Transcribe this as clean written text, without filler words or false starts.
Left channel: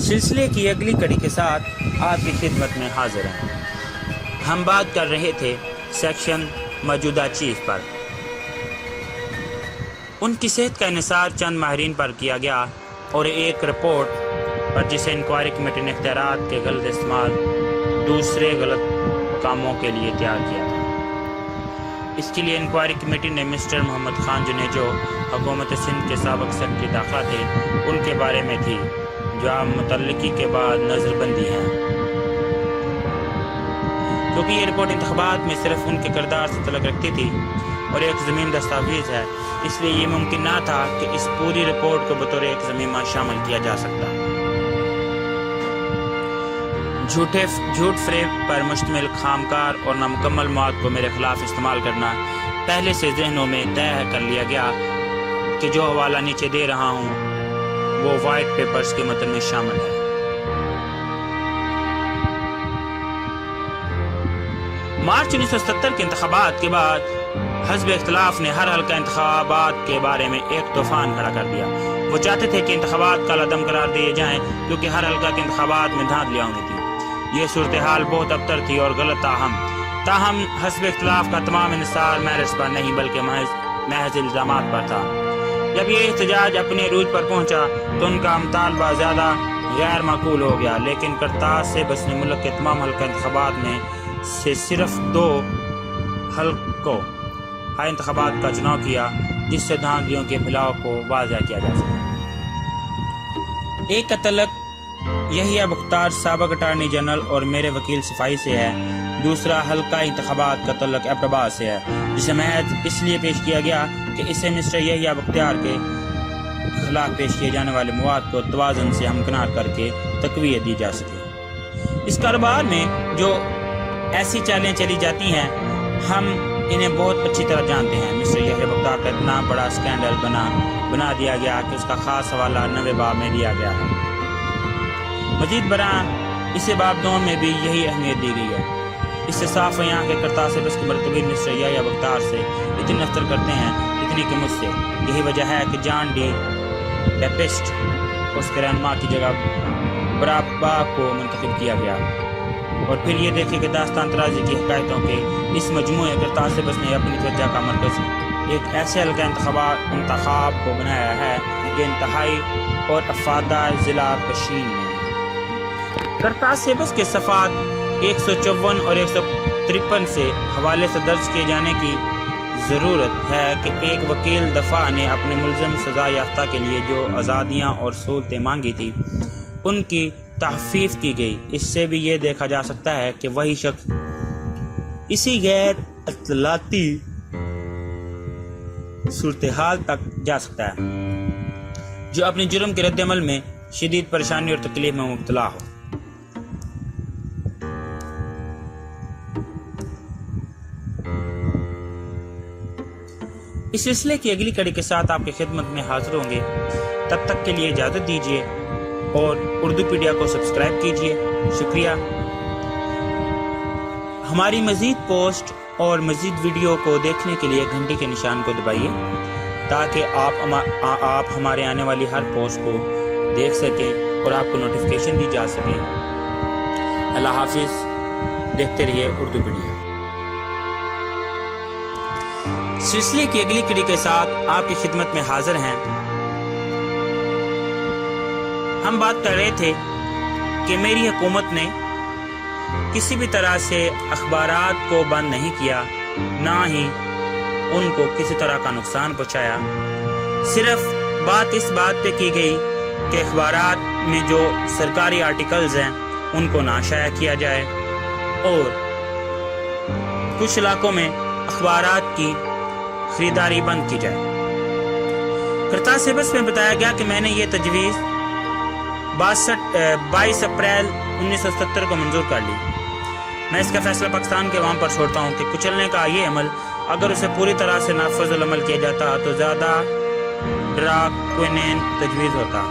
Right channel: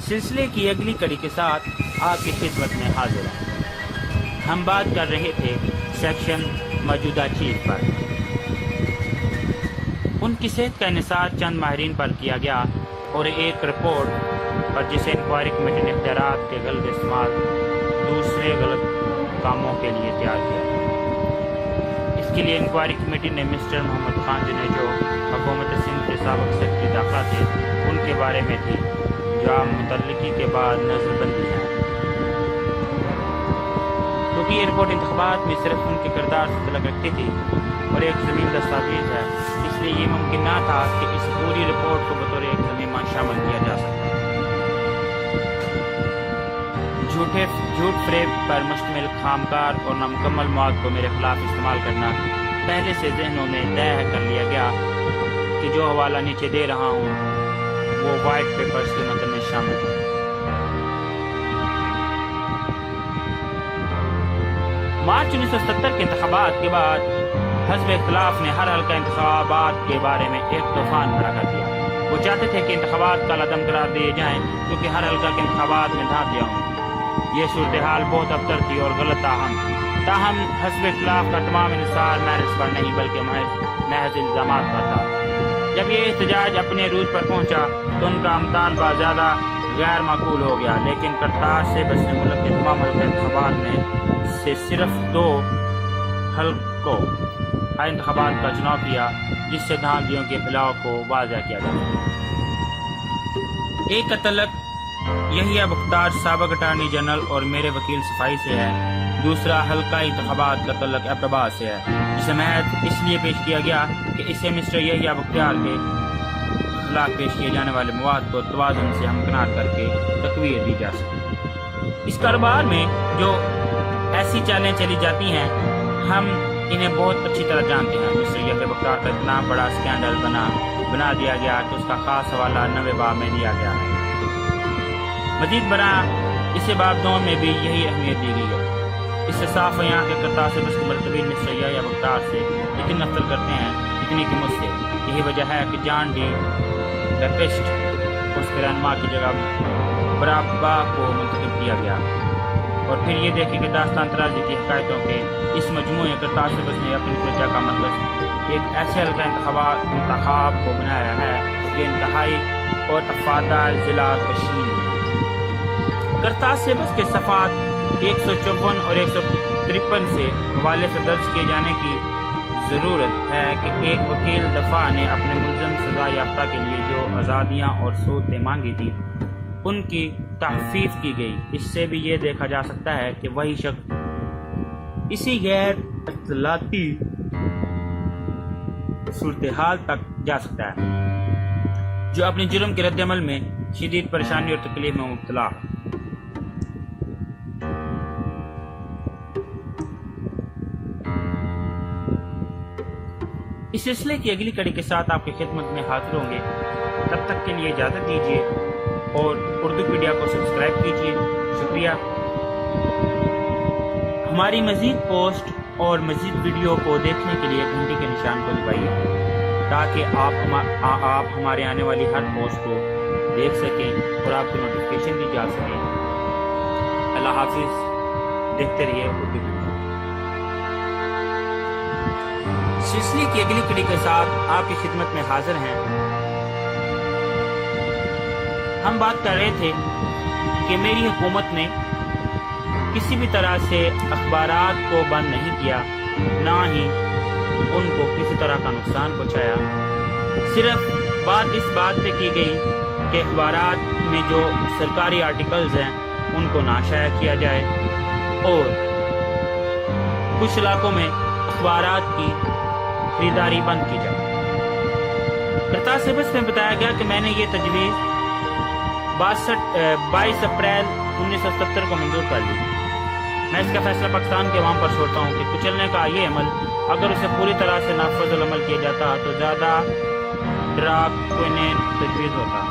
سلسلے کی اگلی کڑی کے ساتھ آپ کی خدمت میں حاضر ہیں۔ ہم بات کر رہے تھے سیکشن موجودہ چیف پر۔ ان کی صحت کا انحصار چند ماہرین پر کیا گیا اور ایک رپورٹ پر جسے انکوائری کمیٹی نے اختیارات کے غلط استعمال دوسرے غلط کاموں کے لیے تیار کیا تھا۔ اس کے لیے انکوائری کمیٹی نے مسٹر محمد خان جنہیں جو حکومت سندھ کے سابق سیکرٹری داخلہ تھے ان کے بارے میں تھی، جو آپ متعلقی کے بعد نظر بندی ہیں۔ کیونکہ یہ رپورٹ انتخابات میں صرف ان کے کردار سے تعلق رکھتی تھی اور ایک ضمیم دستاویز ہے، اس لیے یہ ممکن نہ تھا کہ اس پوری رپورٹ کو بطور ایک ضمیمہ شامل کیا جا سکتا۔ جھوٹ فریب پر مشتمل خامکار اور نامکمل مواد کو میرے خلاف استعمال کرنا پہلے سے ذہنوں میں طے کر لیا گیا کہ جو حوالہ نیچے دے رہا ہوں وہ وائٹ پیپرز کے متن میں شامل ہے۔ مارچ 1970 کے انتخابات کے بعد حزب اختلاف نے ہر حلقہ انتخابات کے بارے میں ایک طوفان کھڑا کر دیا۔ وہ چاہتے تھے کہ انتخابات کالعدم قرار دیے جائیں کیونکہ ہر حلقہ کے انتخابات میں دھاندلیاں ہوئی تھی۔ یہ صورتحال بہت ابتر تھی اور غلط تاہم حزب اختلاف کا تمام انحصار میرٹس پر نہیں بلکہ محض الزامات پر تھا۔ جب یہ احتجاج اپنے عروج پر پہنچا تو ان کا مطالبہ زیادہ غیر معقول ہو گیا، لیکن کرتاز سے بس نے ملک کے تمام حلقہ انتخابات میں سے صرف 2 حلقوں انتخابات کا چناؤ کیا جس سے دھاندلیوں کے پھیلاؤ کو واضح کیا جا سکے۔ ایک کا تعلق یحییٰ بختار سابق اٹارنی جنرل اور میرے وکیل صفائی سے ہے، دوسرا حلقہ انتخابات کا تعلق ایبٹ سے ہے، جسے محض اس لیے پیش کیا گیا کہ اسے مسٹر یحییٰ بختار کے خلاف پیش کیے جانے والے مواد کو توازن سے ہمکنار کر کے تقویت دی جا سکے۔ اس کاروبار میں جو ایسی چالیں چلی جاتی ہیں ہم انہیں بہت اچھی طرح جانتے ہیں۔ مسٹر یحییٰ بختار کا اتنا بڑا سکینڈل بنا دیا گیا کہ اس کا خاص حوالہ 9 باب میں دیا گیا ہے۔ مزید برآں اسے باب 2 میں بھی یہی اہمیت دی گئی ہے۔ اس سے صاف ہے یہاں کے کرتاز سے بس کے مرتبین مسٹر یحییٰ بختار سے اتنی نفرت کرتے ہیں اتنی کہ مجھ سے۔ یہی وجہ ہے کہ جان ڈی بیپسٹ اس کے رہنما کی جگہ برابا کو منتخب کیا گیا۔ اور پھر یہ دیکھیں کہ داستان ترازی کی حکایتوں کے اس مجموعے کرتاز سے بس نے اپنی توجہ کا مرکز ایک ایسے حلقہ انتخاب کو بنایا ہے جو انتہائی اور افادہ ضلع کشمیر میں۔ کرتاز سے بس کے صفحات 154 اور 153 سے حوالے سے درج کیے جانے کی ضرورت ہے کہ ایک وکیل دفاع نے اپنے ملزم سزا یافتہ کے لیے جو آزادیاں اور سہولتیں مانگی تھی ان کی تخفیف کی گئی۔ اس سے بھی یہ دیکھا جا سکتا ہے کہ وہی شخص اسی غیر اطلاعاتی صورتحال تک جا سکتا ہے جو اپنے جرم کے رد عمل میں شدید پریشانی اور تکلیف میں مبتلا ہو۔ اس سلسلے کی اگلی کڑی کے ساتھ آپ کی خدمت میں حاضر ہوں گے۔ تب تک کے لیے اجازت دیجیے اور اردو پیڈیا کو سبسکرائب کیجیے۔ شکریہ۔ ہماری مزید پوسٹ اور مزید ویڈیو کو دیکھنے کے لیے گھنٹی کے نشان کو دبائیے تاکہ آپ ہمارے آنے والی ہر پوسٹ کو دیکھ سکیں اور آپ کو نوٹیفیکیشن دی جا سکیں۔ اللہ حافظ۔ دیکھتے رہیے اردو پیڈیا۔ سلسلے کی اگلی کڑی کے ساتھ آپ کی خدمت میں حاضر ہیں۔ ہم بات کر رہے تھے کہ میری حکومت نے کسی بھی طرح سے اخبارات کو بند نہیں کیا، نہ ہی ان کو کسی طرح کا نقصان پہنچایا۔ صرف بات اس بات پہ کی گئی کہ اخبارات میں جو سرکاری آرٹیکلز ہیں ان کو نہ شائع کیا جائے اور کچھ علاقوں میں اخبارات کی خریداری بند کی جائے۔ کرتاز سے بس میں بتایا گیا کہ میں نے یہ تجویز 22 اپریل 1970 کو منظور کر لی۔ میں اس کا فیصلہ پاکستان کے عوام پر چھوڑتا ہوں کہ کچلنے کا یہ عمل اگر اسے پوری طرح سے نافذ العمل کیا جاتا تو زیادہ ڈراکونین تجویز ہوتا۔